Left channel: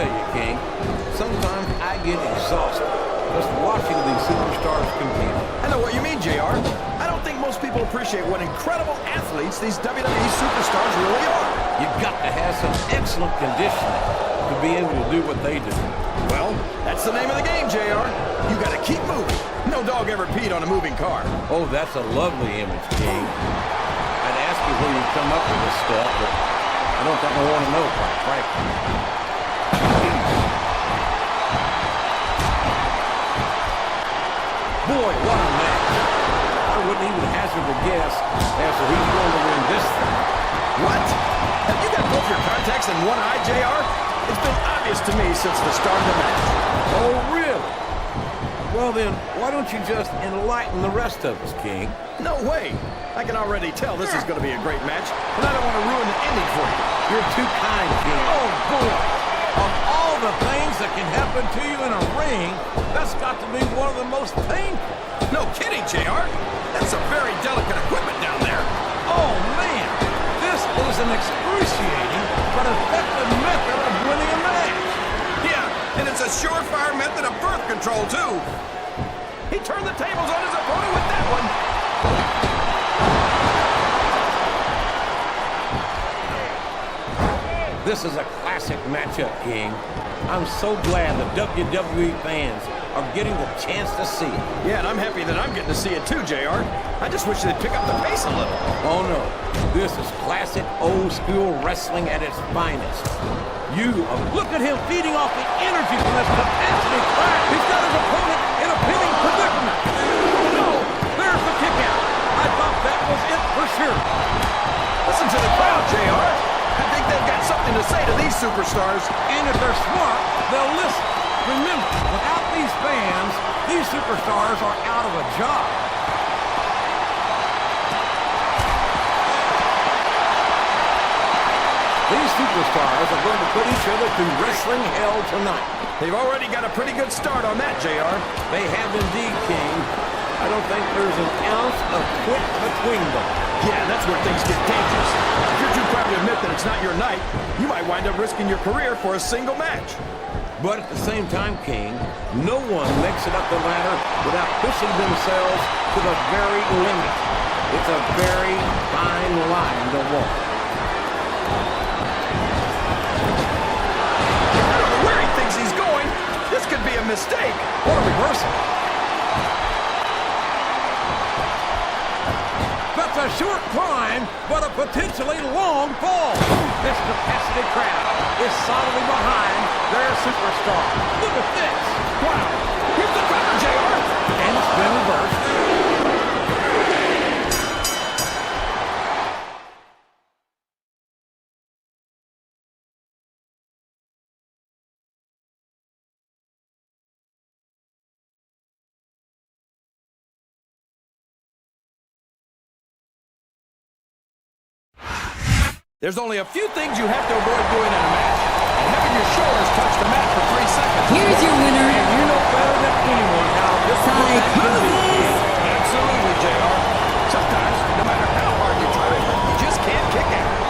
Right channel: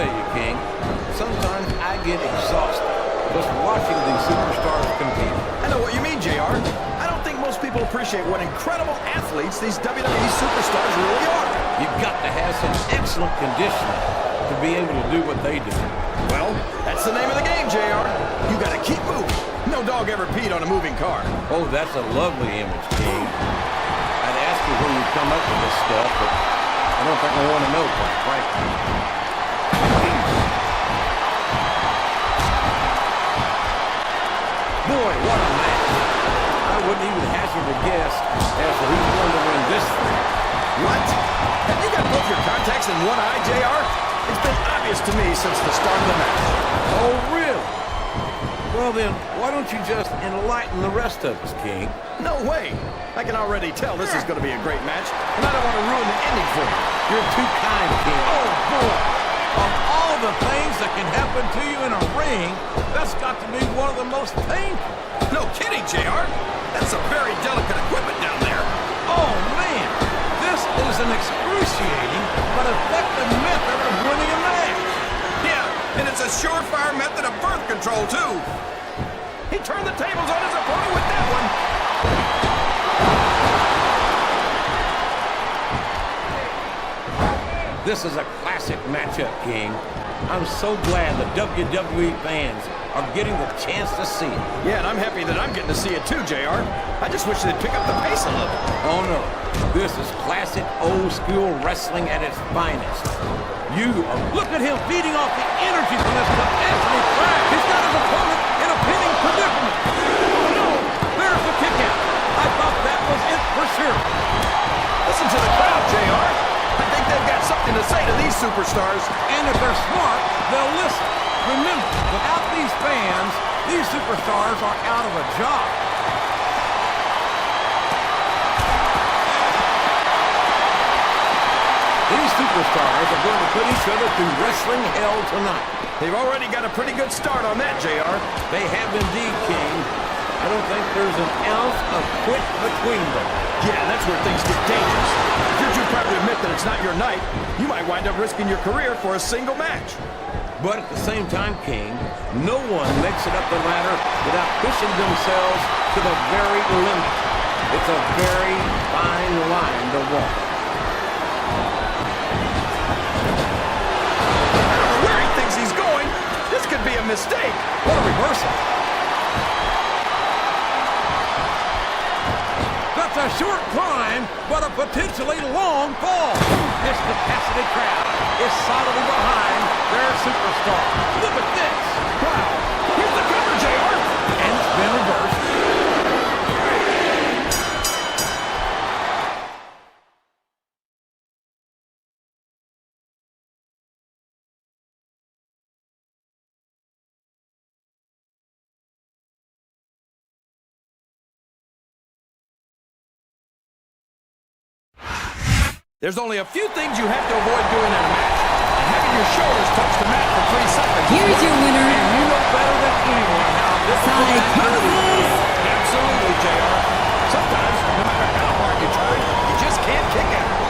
tell you, King, sometimes I get exhausted just watching these superstars compete. I know what you mean, JR. I don't think most people appreciate what incredible athletes these WWE superstars really are. You've got to have some excellent conditioning to be able to do what they do. Well, that's the name of the game, JR. You got to keep moving. No dog ever peed on a moving car. Oh, that's a lovely image, King. I'd ask you where you come up with this stuff, but I don't think I want to know, quite frankly. Boy, what a match. I wouldn't even hazard a guess as to who's going to win this thing. What? Have you got both your contacts in one eye, JR? It's been obvious to me since the start of the match. Oh, really? Well, then, why don't you just enlighten the rest of us, King? No way. I can already tell this is going to be a great match, and I don't want to ruin the ending for you. You're too kind, King. Oh, boy. Of all the things that can happen to you in a ring, that's got to be one of the most painful. No kidding, JR. That's some very delicate equipment down there. Oh, man. This is an excruciating but effective method of winning a match. Yeah, and it's a surefire method of birth control, too. He turned the tables on his opponent with that one. This is a classic matchup, King. I'm so glad the WWE fans are getting the chance to see it. Yeah, and I'm happy that I'm getting to see it too, JR. I just wish they'd pick up the pace a little. Oh, no. This is classic old-school wrestling at its finest. Look at him feeding off the energy from this capacity crowd. He's got his opponent in a pinning predicament. Oh, no. There's the kick out. I thought that was it for sure. Listen to the crowd, JR. I think they've got something to say to these superstars. And if they're smart, they'll listen. Remember, without these fans, these superstars are out of a job. These superstars are going to put each other through wrestling hell tonight. They've already got a pretty good start on that, JR. They have indeed, King. I don't think there's an ounce of quit between them. Yeah, that's where things get dangerous. If you're too proud to admit that it's not your night, you might wind up risking your career for a single match. But at the same time, King, no one makes it up the ladder without pushing themselves to the very limit. It's a very fine line to walk. I don't know where he thinks he's going. This could be a mistake. What a reversal. That's a short climb, but a potentially long fall. This capacity crowd is solidly behind their superstar. Look at this. Wow. Here's the cover, JR. And it's been reversed. There's only a few things you have to avoid doing in a match. And having your shoulders touch the mat for 3 seconds is Here's your winner. And you know better than anyone how difficult that can be, King. Absolutely, JR. Sometimes, no matter how hard you try, you just can't kick out.